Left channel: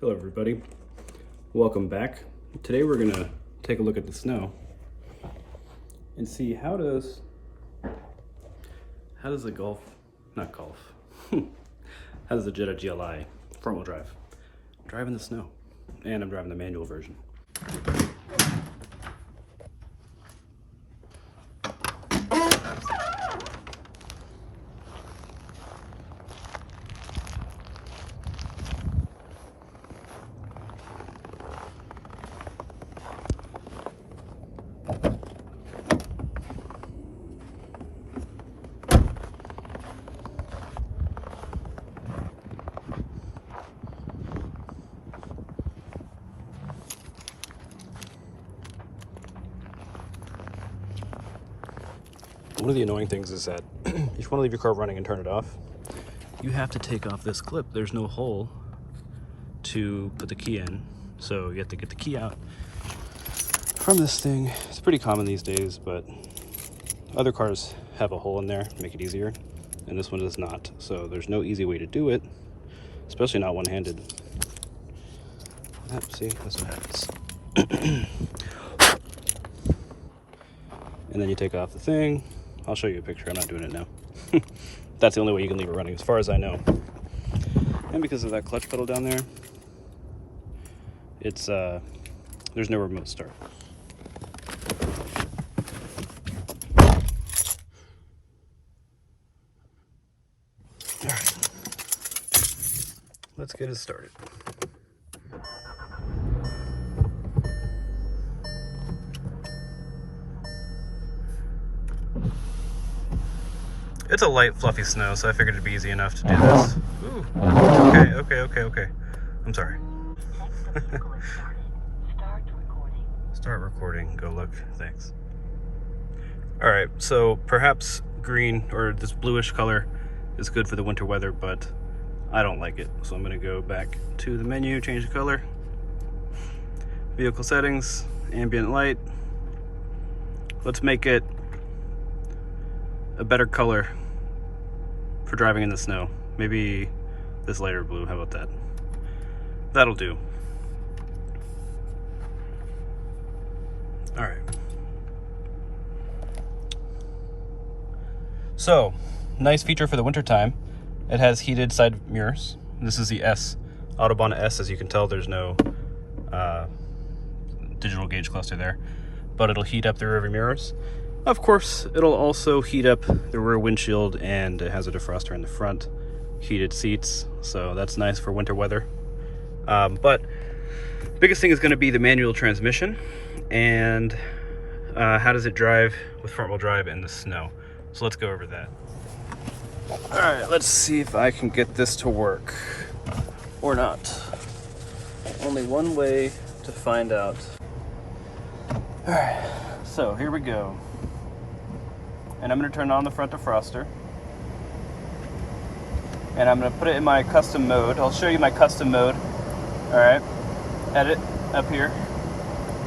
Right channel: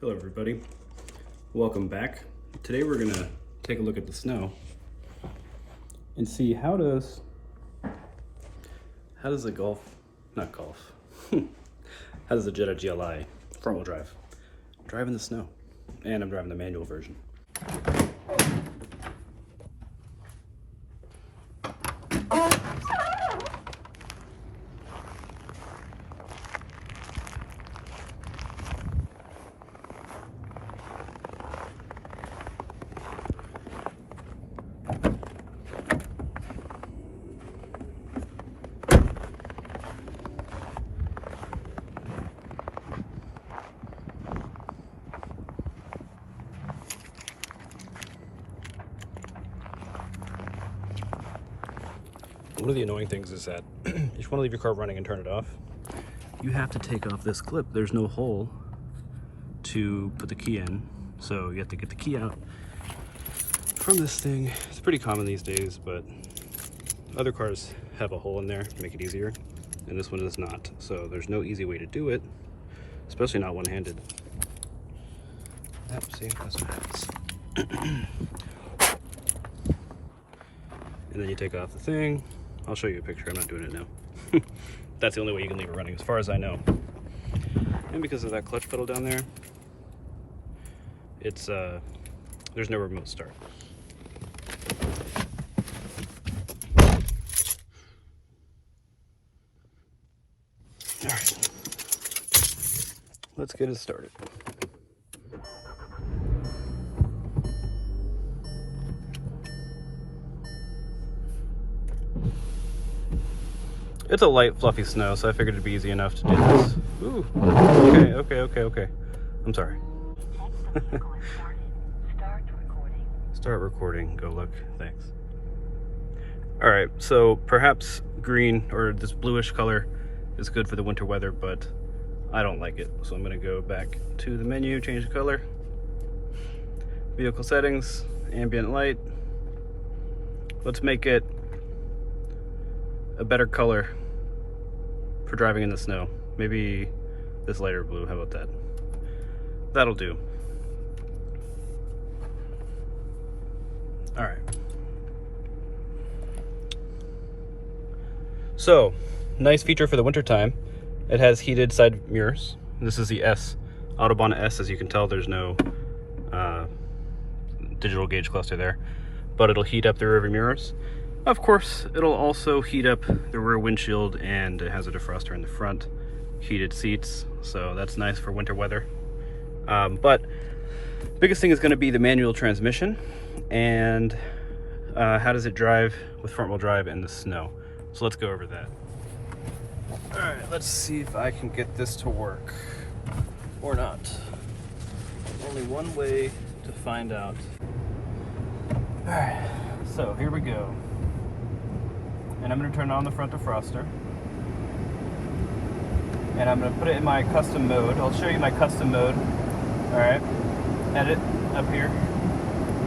Hello everybody, welcome back. Today we're gonna take a look at the snow and see how does the how does the Jetta GLI front wheel drive in the snow? And I'm driving the manual version. One of the annoying things is that if you want to leave your car running and turn it off, you have to take off this clip. There's no hole to put the key in, so you have to get the key out from this thing. It's pretty common these days, but other cars have a hole in there to make it easier, and this one does not. So there's no easy way to do it, especially not one-handed. See, that's what happens. And then you take off the thing. I'll show you a picture. I'm not doing it now. That's the only way you can leave it running, as far as I know. And because of that clutch pedal down there, it's there's no remote start. All right, let's get it started. It's a light, fluffy snow, so I figured it'd be easy enough to do this. Ooh, okay. I'm sorry. Start recording, go look, thanks. All right, so perhaps green or this bluish color is good for the winter weather, but I don't like it. So I'm gonna go back to the menu, change the color. Vehicle settings, ambient light. Let's make it a better color for driving in the snow. Maybe this lighter blue, how about that? That'll do. All right. So, nice feature for the winter time. It has heated side mirrors. This is the S, Autobahn S. As you can tell, there's no digital gauge cluster there, but it'll heat up the rear mirrors. Of course, it'll also heat up the rear windshield, and it has a defroster in the front, heated seats, so that's nice for winter weather. But biggest thing is going to be the manual transmission, and how does it drive with front wheel drive in the snow. So let's go over that. All right, let's see if I can get this to work or not. Only one way to find out. All right, so here we go. And I'm going to turn on the front defroster. And I'm going to put it in my custom mode. I'll show you my custom mode. Alright, edit up here.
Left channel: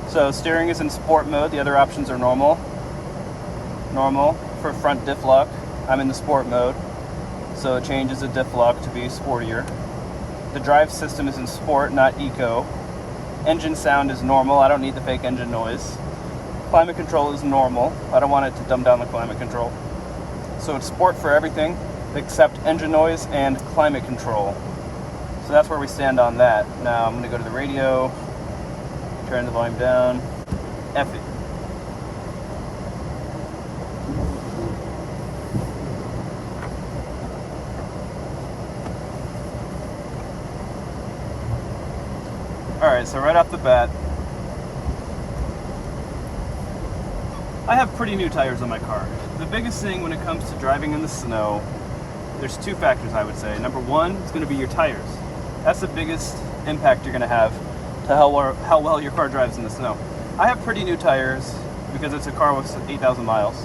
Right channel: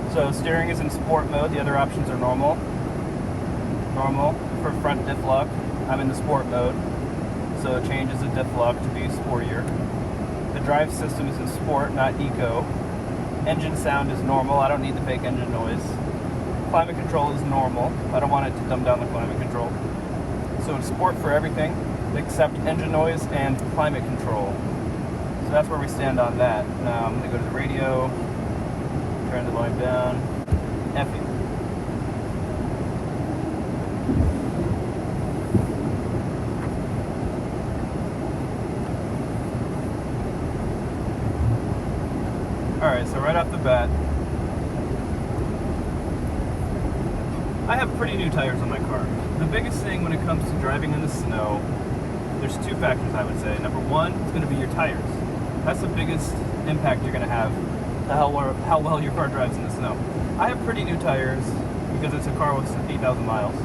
So steering is in sport mode. The other options are normal. Normal for front diff lock. I'm in the sport mode. So it changes the diff lock to be sportier. The drive system is in sport, not eco. Engine sound is normal. I don't need the fake engine noise. Climate control is normal. I don't want it to dumb down the climate control. So it's sport for everything except engine noise and climate control. So that's where we stand on that. Now I'm going to go to the radio, turn the volume down, F it. Alright, so right off the bat, I have pretty new tires on my car. The biggest thing when it comes to driving in the snow, there's two factors I would say. Number one, it's going to be your tires. That's the biggest impact you're going to have to how well your car drives in the snow. I have pretty new tires because it's a car with 8,000 miles,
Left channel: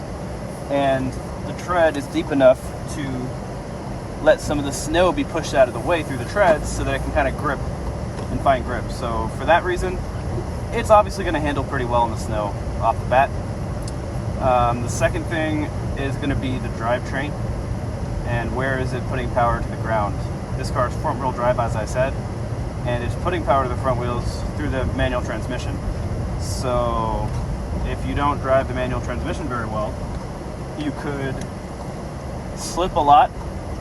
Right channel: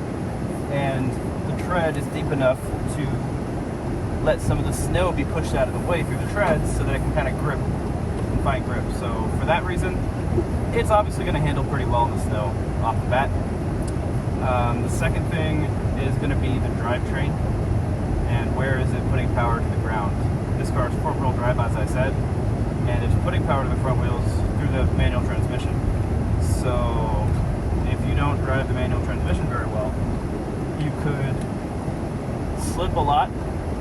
and the tread is deep enough to let some of the snow be pushed out of the way through the treads so that it can kind of grip and find grip. So for that reason, it's obviously going to handle pretty well in the snow off the bat. The second thing is going to be the drivetrain, and where is it putting power to the ground. This car is front-wheel drive, as I said, and it's putting power to the front wheels through the manual transmission. So if you don't drive the manual transmission very well, you could slip a lot,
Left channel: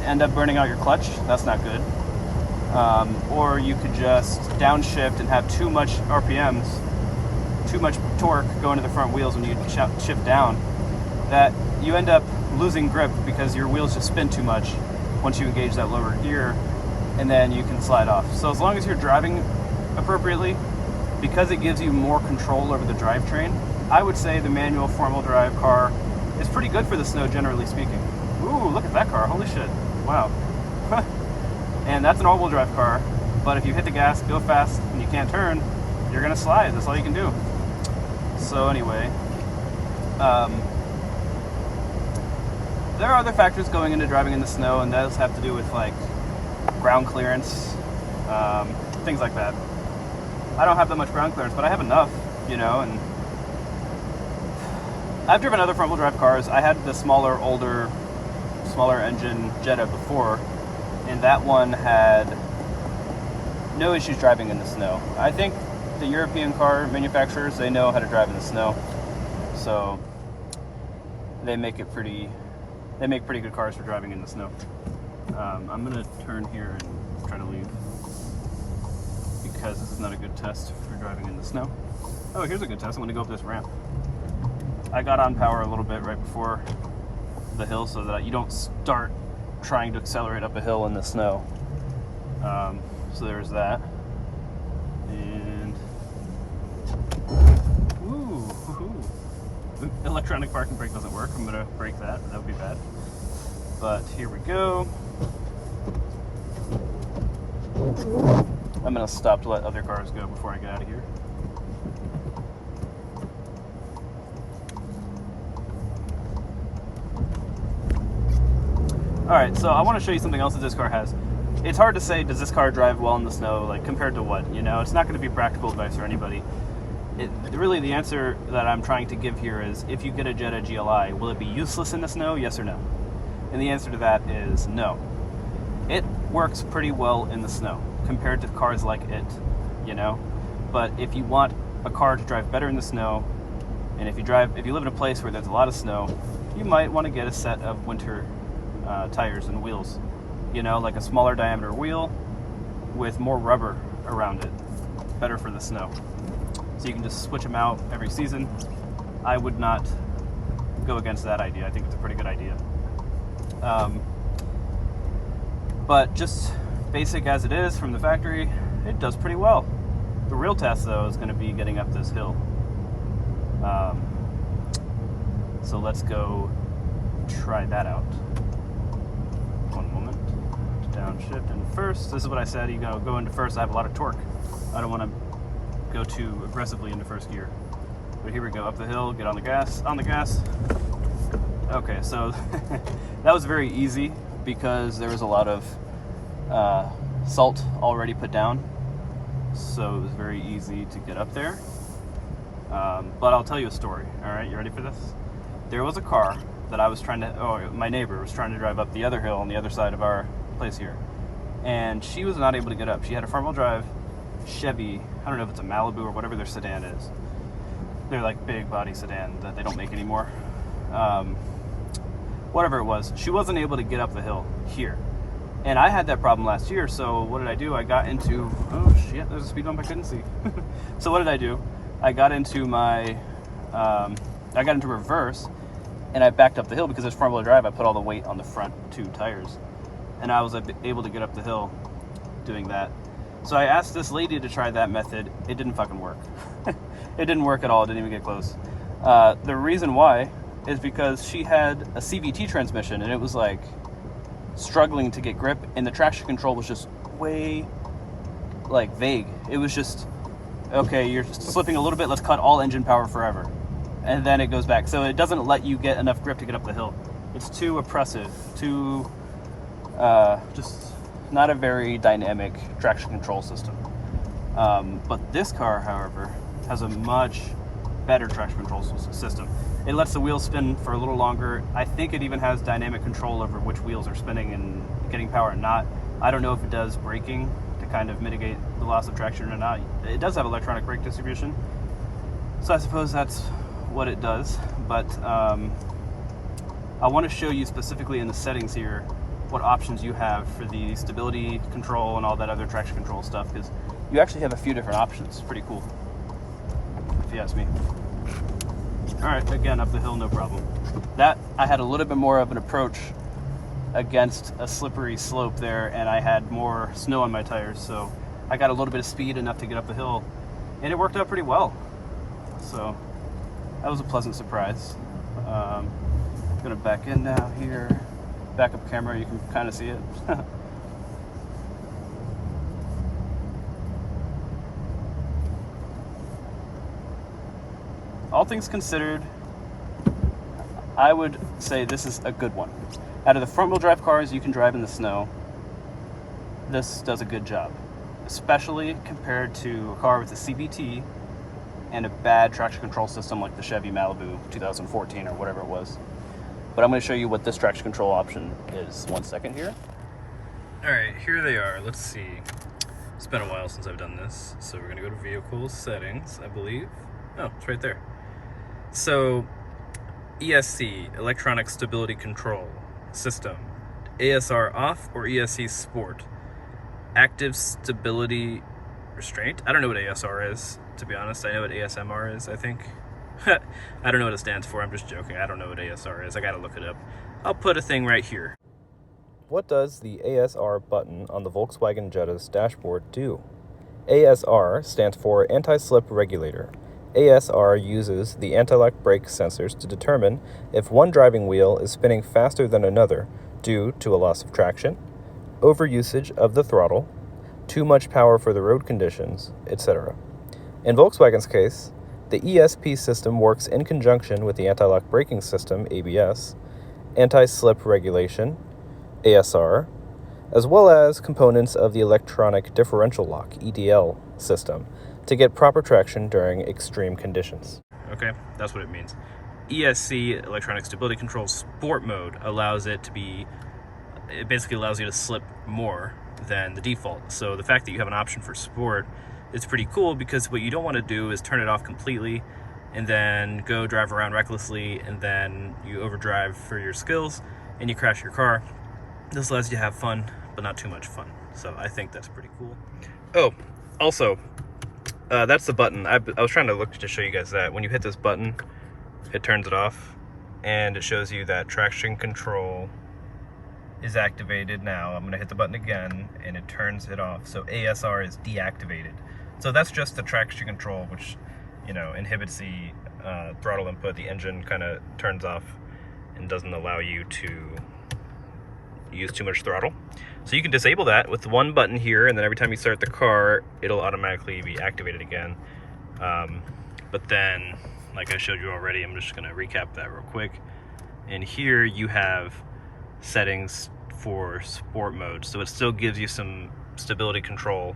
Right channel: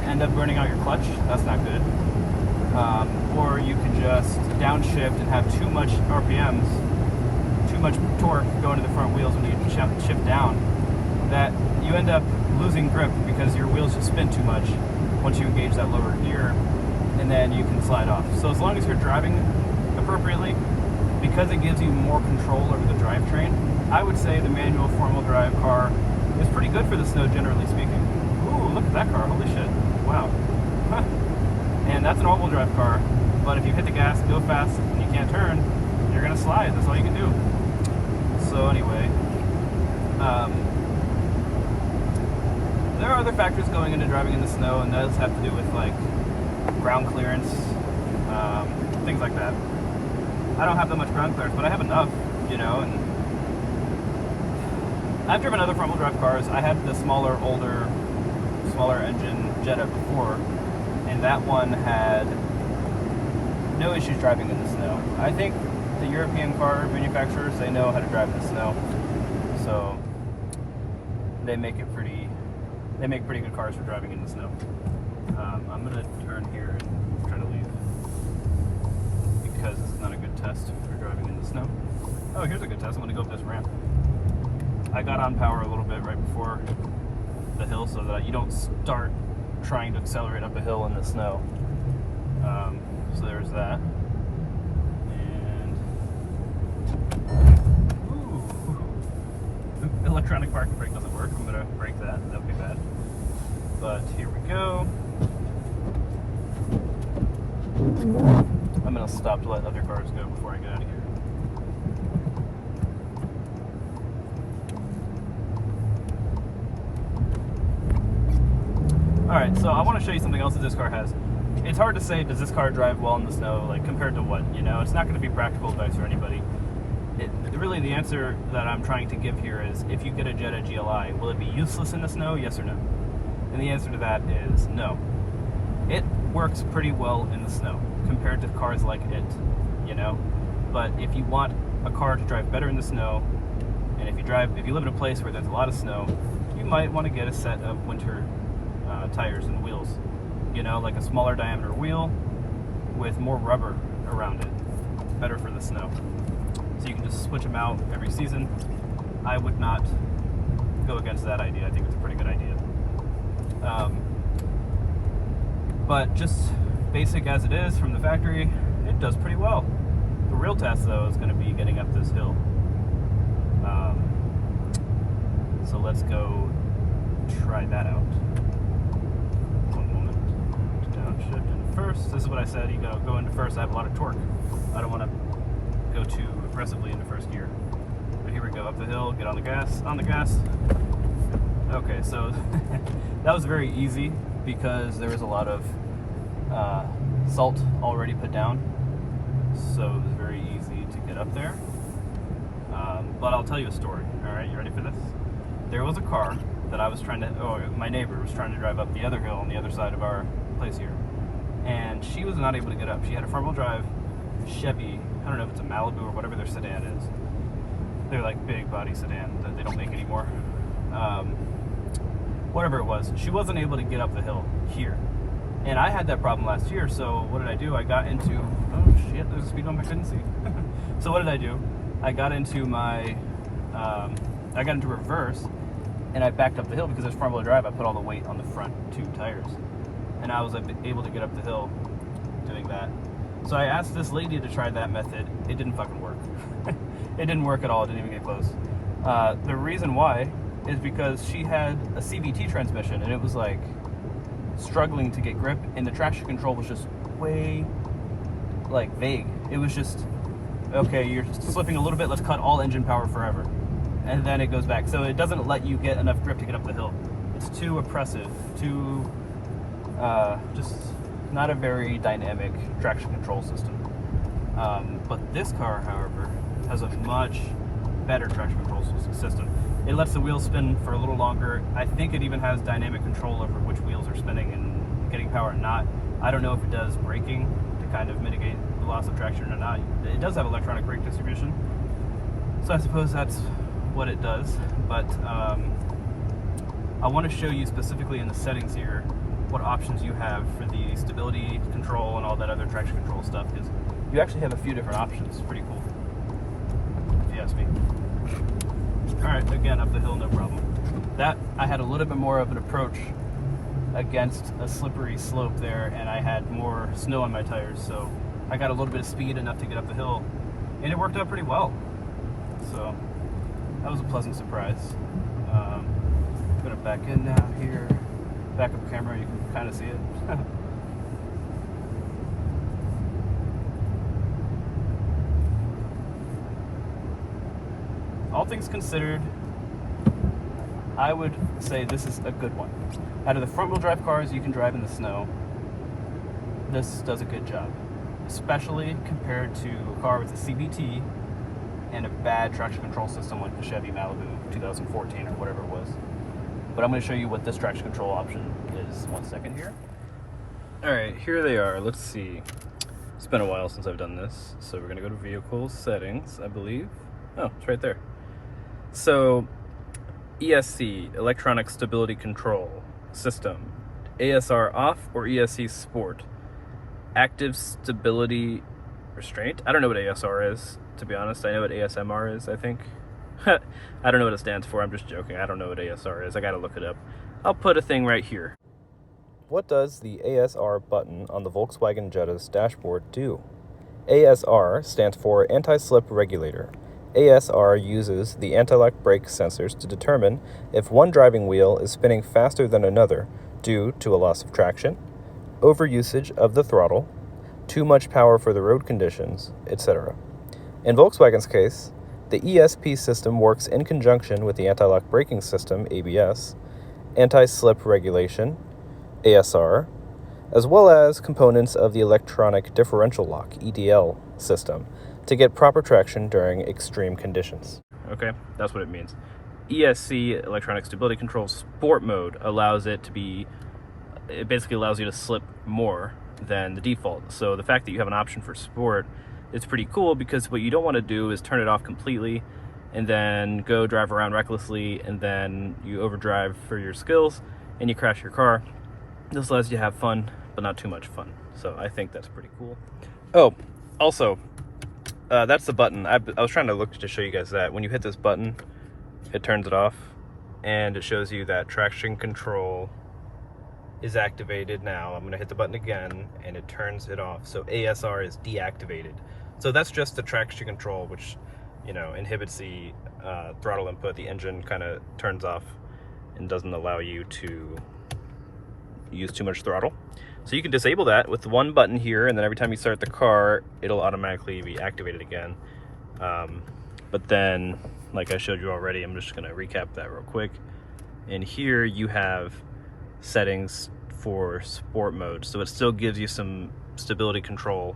end up burning out your clutch. That's not good. Or you could just downshift and have too much RPMs, too much torque going to the front wheels when you shift down, that you end up losing grip because your wheels just spin too much once you engage that lower gear, and then you can slide off. So as long as you're driving appropriately, because it gives you more control over the drivetrain, I would say the manual four-wheel drive car is pretty good for the snow, generally speaking. Ooh, look at that car, holy shit, wow. And that's an all-wheel drive car, but if you hit the gas, go fast, and you can't turn, you're gonna slide, that's all you can do. So anyway, there are other factors going into driving in the snow, and those have to do with like ground clearance, things like that. I don't have that much ground clearance, but I have enough, you know, and I've driven other front-wheel drive cars. I had the smaller engine Jetta before, and that one had no issues driving in the snow. I think the European car manufacturers, they know how to drive in the snow, so they make pretty good cars for driving in the snow. I'm gonna turn here and try to leave because it's not a good test for driving in the snow. Oh, here's a good test. I'm gonna go up this ramp. I got on power a little bit right before the hill so that you don't start trying to accelerate up a hill in the snow. So there's that. And electronic parking brake doesn't work. I'm gonna break that. That would be bad. But here we go. I'm gonna stop to let other cars go before I get out of here. Alright, so I want to show you something else that this car has. It's hard to say, does this car drive well in the snow, like compared to what, you know? It's not going to be practical advice for anybody. Really, the answer that I'm trying to give here is, if you get a Jetta GLI, will it be useless in the snow, yes or no? And the answer to that is no. It works pretty well in the snow compared to cars like it, you know? But if you want a car to drive better in the snow, and if you live in a place where there's a lot of snow, you might want to get a set of winter tires and wheels, you know, like a smaller diameter wheel with more rubber around it, better for the snow. So you can just switch them out every season. I would not go against that idea. I think it's a pretty good idea. But just basic as it is from the factory, it does pretty well. The real test though is going to be getting up this hill. So let's go try that out. Downshift in first. This is what I said, you gotta go into first. I have a lot of torque. I don't want to go too aggressively into first gear. But here we go, up the hill, get on the gas, Okay, so that was very easy because there was a lot of salt already put down. So it was very easy to get up there. But I'll tell you a story, alright? You ready for this? There was a car that I was trying to, my neighbor was trying to drive up the other hill on the other side of our place here. And she was not able to get up. She had a front-wheel drive Chevy, I don't know if it's a Malibu or whatever their sedan is. They're like big body sedan that they don't make anymore. Whatever it was, she wasn't able to get up the hill here. And I had that problem last year, so what did I do? I got into, oh shit, there's a speed bump I couldn't see. So what did I do? I got into reverse, and I backed up the hill because it's front-wheel drive. I put all the weight on the front two tires, and I was able to get up the hill doing that. So I asked this lady to try that method. It didn't fucking work. It didn't work at all. It didn't even get close. The reason why is because she had a CVT transmission, and it was like struggling to get grip, and the traction control was just way like vague. It was just, okay, you're slipping a little bit, let's cut all engine power forever. And then it goes back. So it doesn't let you get enough grip to get up the hill. It's too oppressive, too, just not a very dynamic traction control system. But this car, however, has a much better traction control system. It lets the wheels spin for a little longer. I think it even has dynamic control over which wheels are spinning and getting power and not. I don't know if it does braking to kind of mitigate the loss of traction or not. It does have electronic brake distribution, so I suppose that's what it does, but I want to show you specifically in the settings here what options you have for the stability control and all that other traction control stuff, because you actually have a few different options. Pretty cool, if you ask me. Alright, again, up the hill, no problem. That, I had a little bit more of an approach against a slippery slope there, and I had more snow on my tires, so I got a little bit of speed enough to get up the hill, and it worked out pretty well. So that was a pleasant surprise. I'm gonna back in now here. Backup camera, you can kind of see it. All things considered, I would say this is a good one. Out of the front-wheel drive cars you can drive in the snow, this does a good job, especially compared to a car with a CVT and a bad traction control system like the Chevy Malibu 2014 or whatever it was. But I'm going to show you what this traction control option is. 1 second here. Alright, here they are. Let's see. It's been a while since I've done this, so we're going to go to Vehicle Settings, I believe. Oh, it's right there. So, ESC, Electronic Stability Control System. ASR off or ESC Sport. Active Stability Restraint. I don't know what ASR is, to be honest. I know what ASMR is, I think. I don't know what it stands for. I'm just joking. I don't know what ASR is. I gotta look it up. I'll put a thing right here. What does the ASR button on the Volkswagen Jetta's dashboard do? ASR stands for Anti-Slip Regulator. ASR uses the anti-lock brake sensors to determine if one driving wheel is spinning faster than another due to a loss of traction, overusage of the throttle, too much power for the road conditions, etc. In Volkswagen's case, the ESP system works in conjunction with the anti-lock braking system, ABS, anti-slip regulation, ASR, as well as components of the electronic differential lock, EDL, system to get proper traction during extreme conditions. Okay, that's what it means. ESC, Electronic Stability Control Sport Mode, allows it to be, it basically allows you to slip more than the default. So the fact that you have an option for Sport is pretty cool, because what you don't want to do is turn it off completely and then go drive around recklessly and then you overdrive for your skills and you crash your car. This allows you to have fun, but not too much fun. So I think that's pretty cool. Oh, also, that's the button. I was trying to look to show you guys that. When you hit this button, it turns it off, and it shows you that traction control is activated now. I'm gonna hit the button again, and it turns it off. So ASR is deactivated. So that's just the traction control, which, you know, inhibits the throttle input. The engine kind of turns off and doesn't allow you to use too much throttle. So you can disable that with one button here, and then every time you start the car, it'll automatically be activated again. But then, like I showed you already, I'm just gonna recap that real quick. And here you have settings for sport mode. So it still gives you some stability control.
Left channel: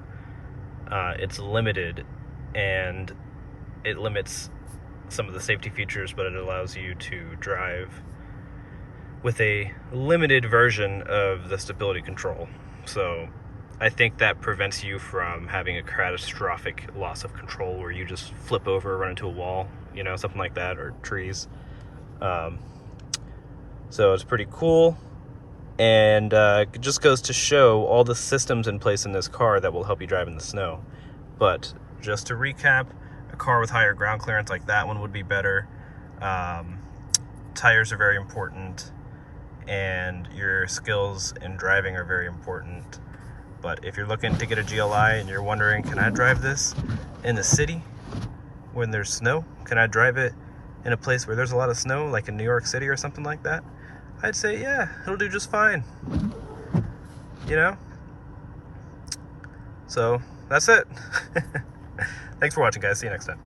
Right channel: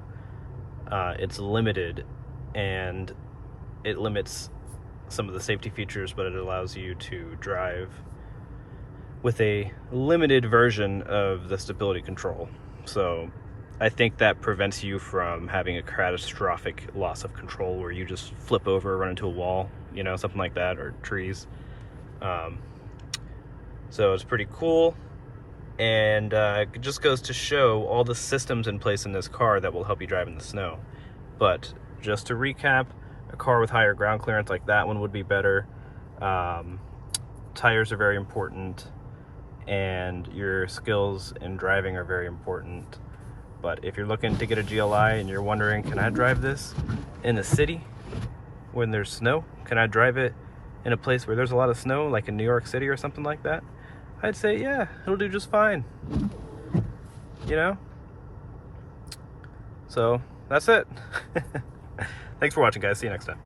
It's limited, and it limits some of the safety features, but it allows you to drive with a limited version of the stability control. So I think that prevents you from having a catastrophic loss of control where you just flip over, run into a wall, you know, something like that, or trees. So it's pretty cool, and it just goes to show all the systems in place in this car that will help you drive in the snow. But just to recap, a car with higher ground clearance like that one would be better. Tires are very important, and your skills in driving are very important. But if you're looking to get a GLI and you're wondering, can I drive this in the city when there's snow? Can I drive it in a place where there's a lot of snow, like in New York City or something like that? I'd say, yeah, it'll do just fine, you know? So that's it. Thanks for watching, guys. See you next time.